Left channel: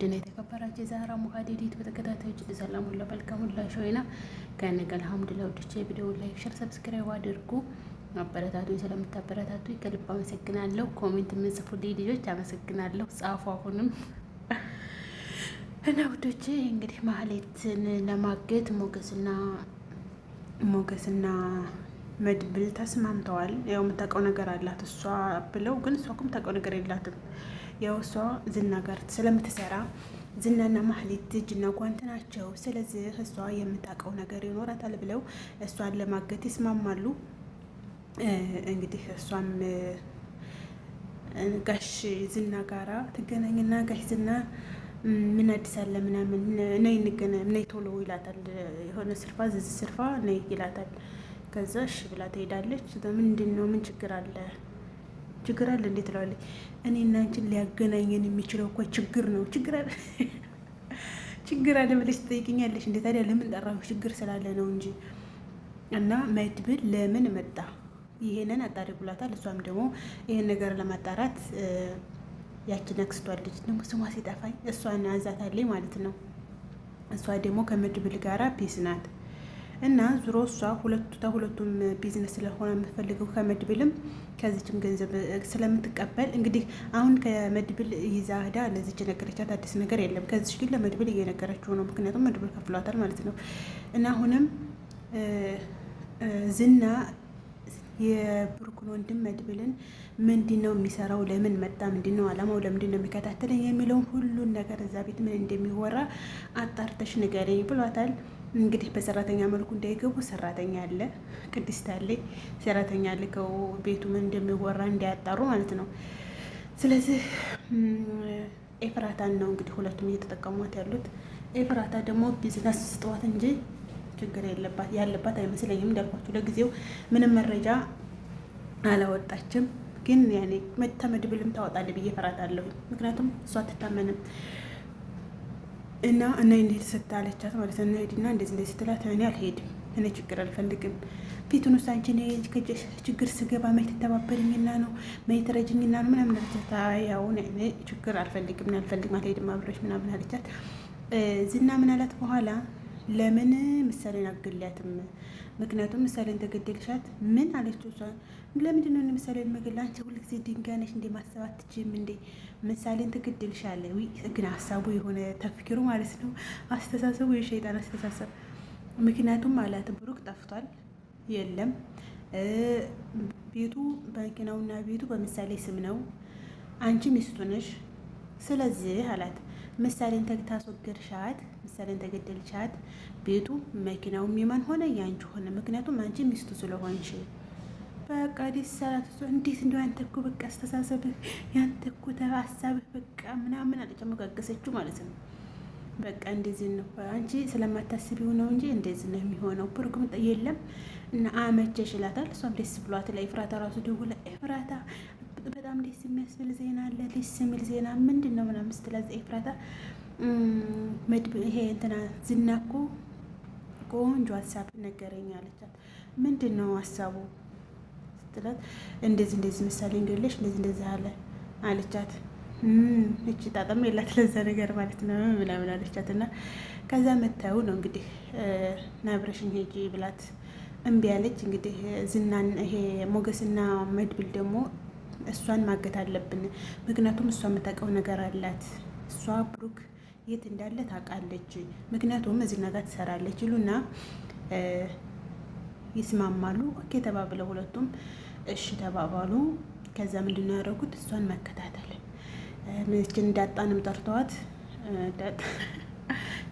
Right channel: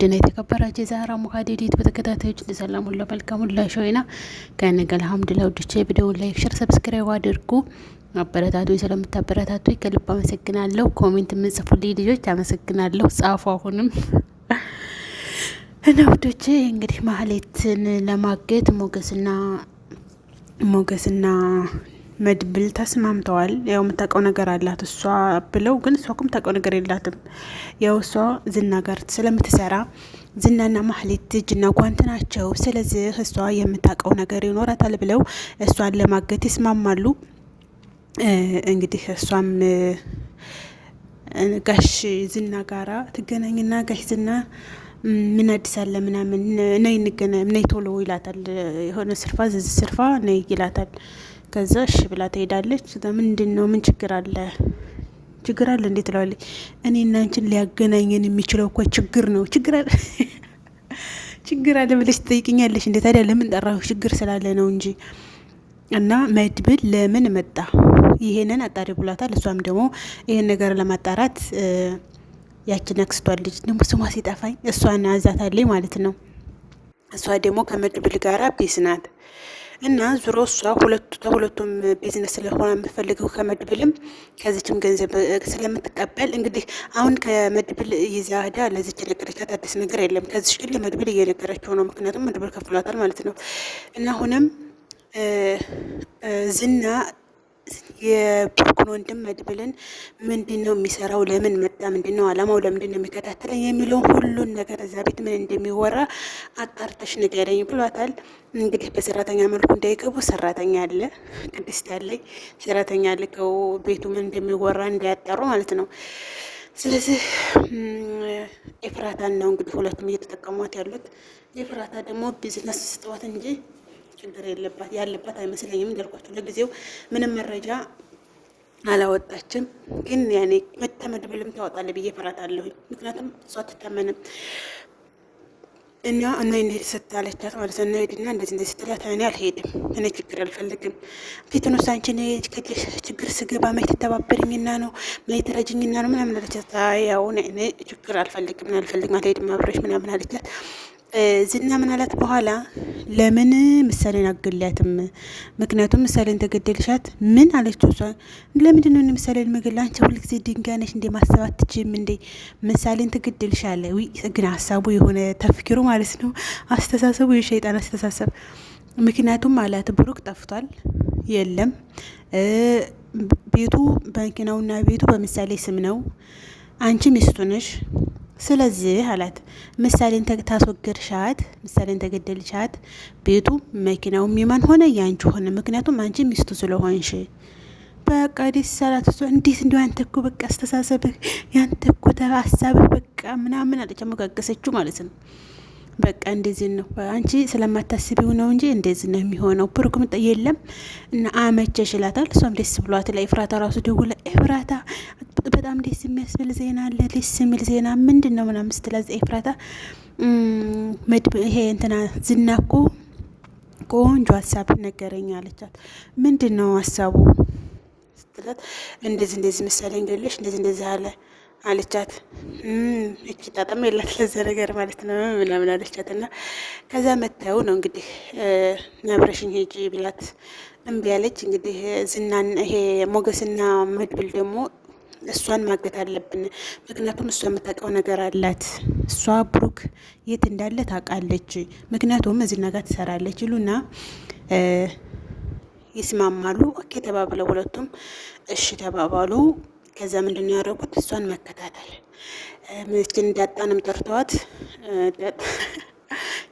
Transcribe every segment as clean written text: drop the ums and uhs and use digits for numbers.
ድና የተከበራችሁ የዛህራ ሙሀዲዲት በተከታታዮች ሰላም ሁላ መልካም ሁላ ሾይና ከነገ አልሐምዱሊላህ ወድቼ ቪዲዮውን ላይክ ሼር ሰብስክራይብ አድርጉ። አበረታቱ። ስለምታበረታቱ ከልብ አመሰግናለሁ። ኮሜንት የምጽፉልኝ ልጆች አመሰግናለሁ። ጻፉ አሁንም እና ውዶቼ እንግዲህ ማህሌትን ለማገት ሞገስና መድብል ተስማምተዋል። ያው የምታውቀው ነገር አላት እሷ ብለው ግን እሷ እኮ የምታውቀው ነገር የላትም። ያው እሷ ዝና ጋር ስለምትሰራ ዝናና ማህሌት እጅና ጓንት ናቸው። ስለዚህ እሷ የምታውቀው ነገር ይኖራታል ብለው እሷን ለማገት ይስማማሉ። እንግዲህ እሷም ጋሽ ዝና ጋራ ትገናኝና ጋሽ ዝና ምን አዲስ አለ ምናምን ነይ እንገናኝ ነይ ቶሎ ይላታል። የሆነ ስርፋ ስርፋ ነይ ይላታል። ከዛ እሺ ብላ ትሄዳለች። ምንድን ነው ምን ችግር አለ እንዴት ትለዋለች። እኔ እና አንቺን ሊያገናኘን የሚችለው እኮ ችግር ነው። ችግር አለ ብለሽ ትጠይቅኛለሽ እንዴ? ታዲያ ለምን ጠራሁ? ችግር ስላለ ነው እንጂ። እና መድብል ለምን መጣ ይሄንን አጣሪ ብሏታል። እሷም ደግሞ ይሄን ነገር ለማጣራት ያችን አክስቷ ልጅ ደግሞ ስሟ ሲጠፋኝ እሷን አዛታለኝ ማለት ነው። እሷ ደግሞ ከመድብል ጋራ ፒስ ናት እና ዙሮ እሷ ሁለቱም ቢዝነስ ስለሆነ የምፈልገው ከመድብልም ከዚችም ገንዘብ ስለምትቀበል እንግዲህ አሁን ከመድብል ይዛ ሄዳ ለዚች ነገረቻት። አዲስ ነገር የለም። ከዚች ግን ለመድብል እየነገረችው ነው። ምክንያቱም መድብል ከፍሏታል ማለት ነው። እና አሁንም ዝና የብሩክን ወንድም መድብልን ምንድን ነው የሚሰራው? ለምን መጣ? ምንድን ነው አላማው? ለምንድን ነው የሚከታተለኝ? የሚለውን ሁሉን ነገር እዛ ቤት ምን እንደሚወራ አጣርተሽ ንገረኝ ብሏታል። እንግዲህ በሰራተኛ መልኩ እንዳይገቡ ሰራተኛ አለ፣ ቅድስት አለኝ ሰራተኛ ልከው ቤቱ ምን እንደሚወራ እንዳያጣሩ ማለት ነው። ስለዚህ ኤፍራታን ነው እንግዲህ ሁለቱም እየተጠቀሟት ያሉት። ኤፍራታ ደግሞ ቢዝነስ ስጠዋት እንጂ ችግር ያለባት አይመስለኝም። እንዳልኳችሁ ለጊዜው ምንም መረጃ አላወጣችም። ግን ያኔ መድብልም ታወጣለህ ብዬ እፈራታለሁኝ። ምክንያቱም እሷ አትታመንም። እና እንዴት ስታለቻት ማለት ነው። ሄድና እንደዚህ ስትላት እኔ አልሄድም፣ እኔ ችግር አልፈልግም። ፊትን ውስጥ አንቺ ችግር ስገባ መች ትተባበርኝና ነው መች ትረጅኝና ነው ምናምን አለቻት። ያው እኔ ችግር አልፈልግም አልሄድም አብረሽ ምናምን አለቻት። ዝና ምን አላት በኋላ ለምን ምሳሌን አገላትም? ምክንያቱም ምሳሌን ተገደልሻት ምን አለችው? እሷ ለምንድን ነው ምሳሌን መገላ? አንቺ ሁልጊዜ ድንጋይ ነሽ እንዴ? ማሰብ አትችይም እንዴ? ምሳሌን ተገደልሻለ። ግን ሀሳቡ የሆነ ተፍኪሩ ማለት ነው፣ አስተሳሰቡ የሸይጣን አስተሳሰብ። ምክንያቱም አላት ብሩክ ጠፍቷል፣ የለም ቤቱ ባንኪናውና ቤቱ በምሳሌ ስም ነው፣ አንቺ ሚስቱ ነሽ። ስለዚህ አላት ምሳሌን ታስወገድሻት፣ ምሳሌን ተገደልሻት፣ ቤቱ መኪናው የማን ሆነ? ያንቺ ሆነ። ምክንያቱም አንቺ ሚስቱ ስለሆንሽ። በቃ ደስ አላት። እሷ እንዴት እንዲ አንተ እኮ በቃ አስተሳሰብህ ያንተ እኮ ሀሳብህ በቃ ምናምን አለች። አመጋገሰችው ማለት ነው። በቃ እንደዚህ ነው አንቺ ስለማታስቢው ነው እንጂ እንደዚህ ነው የሚሆነው። ብሩክም የለም እና አመቸሽ ይላታል። እሷም ደስ ብሏት ለኤፍራታ ራሱ ደውላ ኤፍራታ በጣም ደስ የሚያስብል ዜና አለ፣ ደስ የሚል ዜና ምንድን ነው ምናምን ስትላት ኤፍራታ ይሄ እንትና ዝና እኮ ቆንጆ ሀሳብ ነገረኝ አለቻት። ምንድን ነው ሀሳቡ ስትላት እንደዚህ ምሳሌ እንገለሽ እንደዚህ አለ አለቻት። እቺ ጣጣም የላት ለዛ ነገር ማለት ነው ምናምን አለቻት። እና ከዛ መተው ነው እንግዲህ ነብረሽኝ ሄጂ ብላት እምቢ አለች። እንግዲህ ዝናን ይሄ ሞገስና መድብል ደግሞ እሷን ማገት አለብን፣ ምክንያቱም እሷ የምታውቀው ነገር አላት። እሷ ብሩክ የት እንዳለ ታውቃለች፣ ምክንያቱም እዚህ ነገር ትሰራለች ይሉና ይስማማሉ። ኦኬ ተባብለው ሁለቱም እሺ ተባባሉ። ከዛ ምንድን ነው ያደረጉት? እሷን መከታተል ምችን እንዳጣንም ጠርተዋት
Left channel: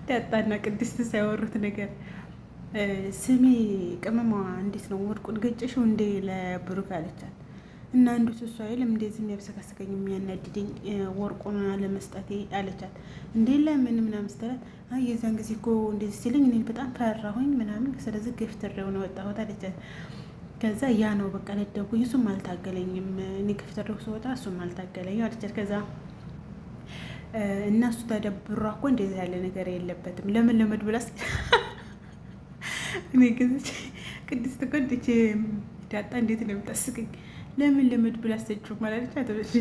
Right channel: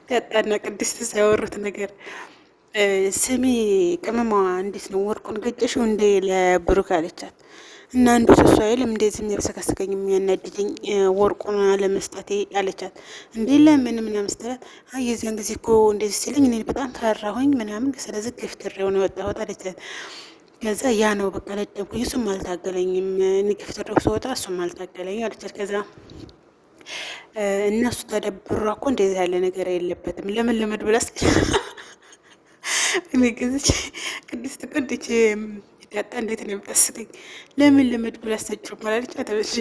ዳጣና ቅድስት ሳያወሩት ነገር ስሚ ቅመሟ እንዴት ነው ወርቁን ገጨሽው እንዴ ለብሩክ አለቻት። እና አንዱ እሷ አይልም እንደዚህ የሚያብሰካስከኝ የሚያናድድኝ ወርቁን ለመስጠቴ አለቻት። እንዴ ለምን ምናምን ስትላት አይ የዚያን ጊዜ እኮ እንደዚህ ሲልኝ እኔ በጣም ፈራሁኝ ምናምን፣ ስለዚህ ገፍትሬው ነው የወጣሁት አለቻት። ከዛ ያ ነው በቃ ለደብኩኝ፣ እሱም አልታገለኝም፣ እኔ ገፍትሬው ስወጣ እሱም አልታገለኝ አለቻት። ከዛ እነሱ ተደብሯ እኮ እንደዚህ ያለ ነገር የለበትም ለምን ለመድብላስ እኔ ግዝች ቅድስት ቆንጆ ዳጣ እንዴት ነው የምታስቀኝ? ለምን ለመድብል አሰጭው ማላለች። አተበሽ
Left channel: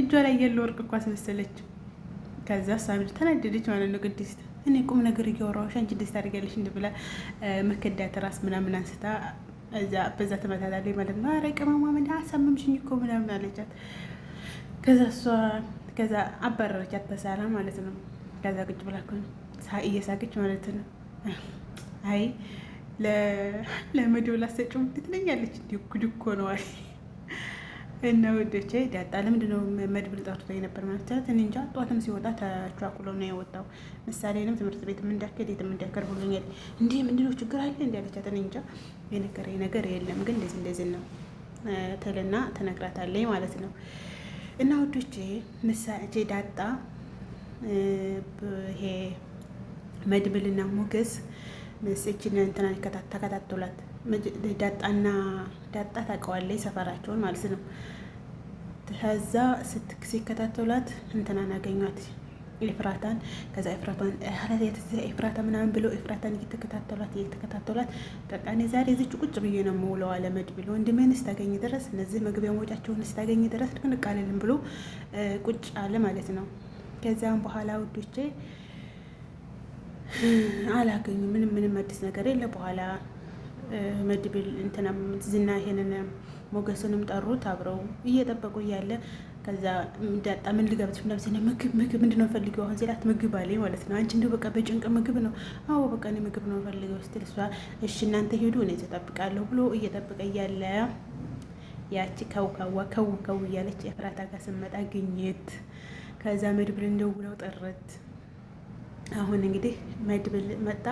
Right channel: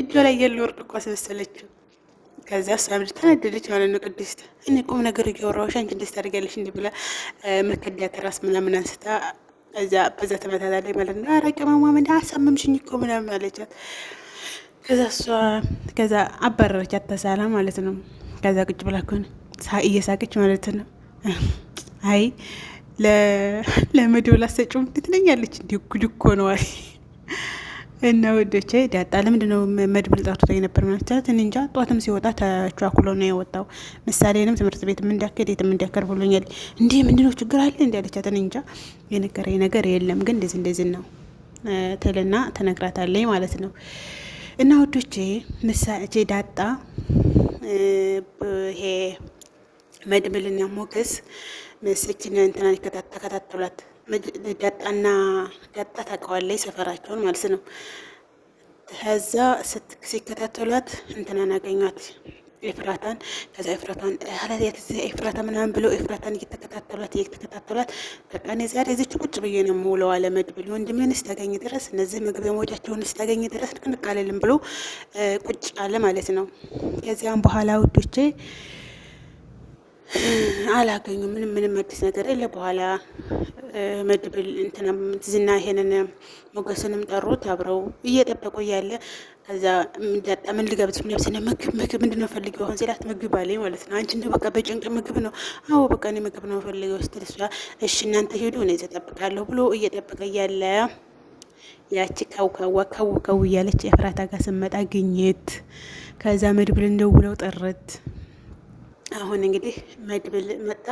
እጇ ላይ ያለው ወርቅ እኮ አስመሰለችው። ከዚያ እሷ ተናደደች ማለት ነው። ቅድስት እኔ ቁም ነገር እያወራሁሽ አንቺ እንደዚህ ታደርጊያለሽ እንዲህ ብላ መከዳት ራስ ምናምን አንስታ በዛ ተመታታለች ማለት ነው። ኧረ ቅመሟ ምን አሳመምሽኝ እኮ ምናምን አለቻት። ከዛ አባረረቻት ተሳላ ማለት ነው። ከዛ ቁጭ ብላ እኮ ነው እየሳቀች ማለት ነው። አይ ለመድብል አሰጪው ትለኛለች እንዲ ጉድ እኮ ነው አለ እና ወዶቼ ዳጣ ለምንድን ነው መድብል ጠርቶት የነበር ማለት እኔ እንጃ። ጧትም ሲወጣ ተቻኩሎ ነው የወጣው። ምሳሌንም ትምህርት ቤትም እንዳከድ የትም እንዳከር ብሎኛል። እንዲህ ምንድነው ችግር አለ እንዲ ያለቻት እኔ እንጃ። የነገረኝ ነገር የለም ግን እንደዚህ ነው ትልና ተነግራታለች ማለት ነው። እና ወዶቼ ምሳሌ ዳጣ ይሄ መድብልና ሞገስ መስእችን እንትና ተከታተሏት። ዳጣ ታውቀዋለች ሰፈራቸውን ማለት ነው። ከዛ ሲከታተሏት እንትናን አገኟት ኤፍራታን። ከዛ ኤፍራታ ምናምን ብለው ኤፍራታን እየተከታተሏት በቃ እኔ ዛሬ እዚች ቁጭ ብዬ ነው የምውለው አለ መድብል። ወንድምህን ስታገኝ ድረስ እነዚህ ምግብ መውጫቸውን ስታገኝ ድረስ ንቅንቅ አልልም ብሎ ቁጭ አለ ማለት ነው። ከዚያም በኋላ ውዶቼ አላገኙ ምንም አዲስ ነገር የለ። በኋላ መድብል እንትና ዝና ይሄንን ሞገስንም ጠሩት። አብረው እየጠበቁ እያለ ከዛ ዳጣ ምን ልጋብዝ ነብስነ ምግብ ምንድነው ፈልጊው አሁን ሲላት ምግብ አለኝ ማለት ነው። አንቺ እንደው በቃ በጭንቅ ምግብ ነው? አዎ በቃ እኔ ምግብ ነው ፈልገው ስትል እሷ እሺ እናንተ ሄዱ እኔ እጠብቃለሁ ብሎ እየጠበቀ እያለ ያቺ ካው እያለች ኤፍራታ ጋር ስመጣ ግኝት። ከዛ መድብል እንደውለው ጠረት። አሁን እንግዲህ መድብል መጣ።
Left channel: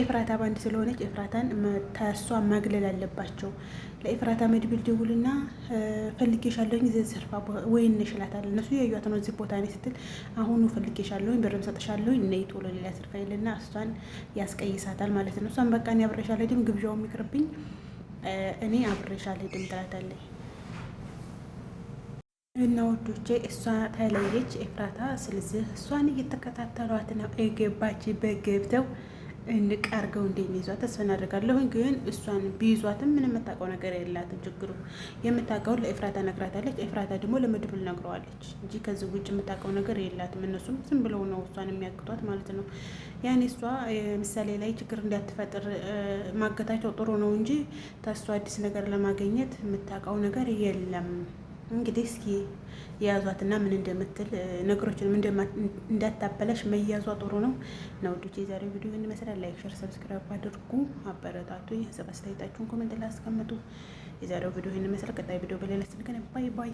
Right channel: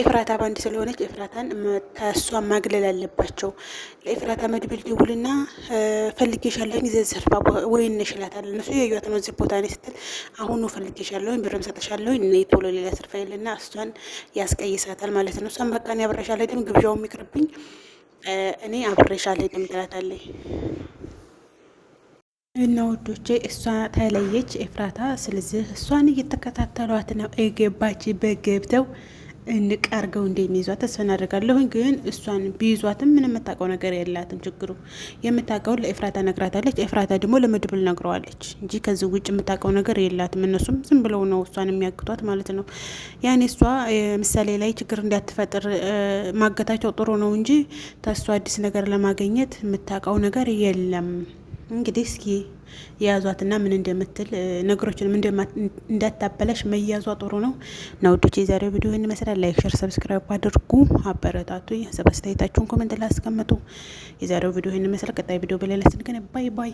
ኤፍራታ ባንድ ስለሆነች ኤፍራታን ከእሷ ማግለል አለባቸው። ለኤፍራታ መድብል ደውልና ፈልጌሻለሁኝ ዘርፋ ወይን ነሽላታል። እነሱ የያዩት ነው እዚህ ቦታ ላይ ስትል አሁኑ ፈልጌሻለሁኝ ብርም ሰጥሻለሁኝ እኔ ቶሎ ሌላ ስርፋ ይልና እሷን ያስቀይሳታል ማለት ነው። እሷን በቃ እኔ አብሬሻለሁ አይደል ግብዣው የሚቅርብኝ እኔ አብሬሻለሁ አይደል ትላታለች። እና ወዶቼ እሷ ተለየች ኤፍራታ። ስለዚህ እሷን እየተከታተሏት ነው። የገባች በገብተው እንቀርገው እንደሚይዟት ተስፋ እናደርጋለሁኝ። ግን እሷን ቢይዟትም ምን የምታውቀው ነገር የላትም። ችግሩ የምታውቀውን ለኤፍራታ ነግራታለች። ኤፍራታ ደግሞ ለመድብል ነግረዋለች እንጂ ከዚህ ውጭ የምታውቀው ነገር የላትም። እነሱም ዝም ብለው ነው እሷን የሚያግቷት ማለት ነው። ያኔ እሷ ምሳሌ ላይ ችግር እንዳትፈጥር ማገታቸው ጥሩ ነው እንጂ ተሷ አዲስ ነገር ለማግኘት የምታውቀው ነገር የለም። እንግዲህ እስኪ የያዟትና ምን እንደምትል ነገሮችን እንዳታበላሽ መያዟ ጥሩ ነው። እና ውዶች የዛሬው ቪዲዮ ይህን ይመስላል። ላይክ፣ ሼር፣ ሰብስክራይብ አድርጉ። አበረታቱ። ሀሳብ አስተያየታችሁን ኮሜንት ላይ አስቀምጡ። የዛሬው ቪዲዮ ይህን ይመስላል። ቀጣይ ቪዲዮ በሌላ ስንገናኝ ባይ ባይ።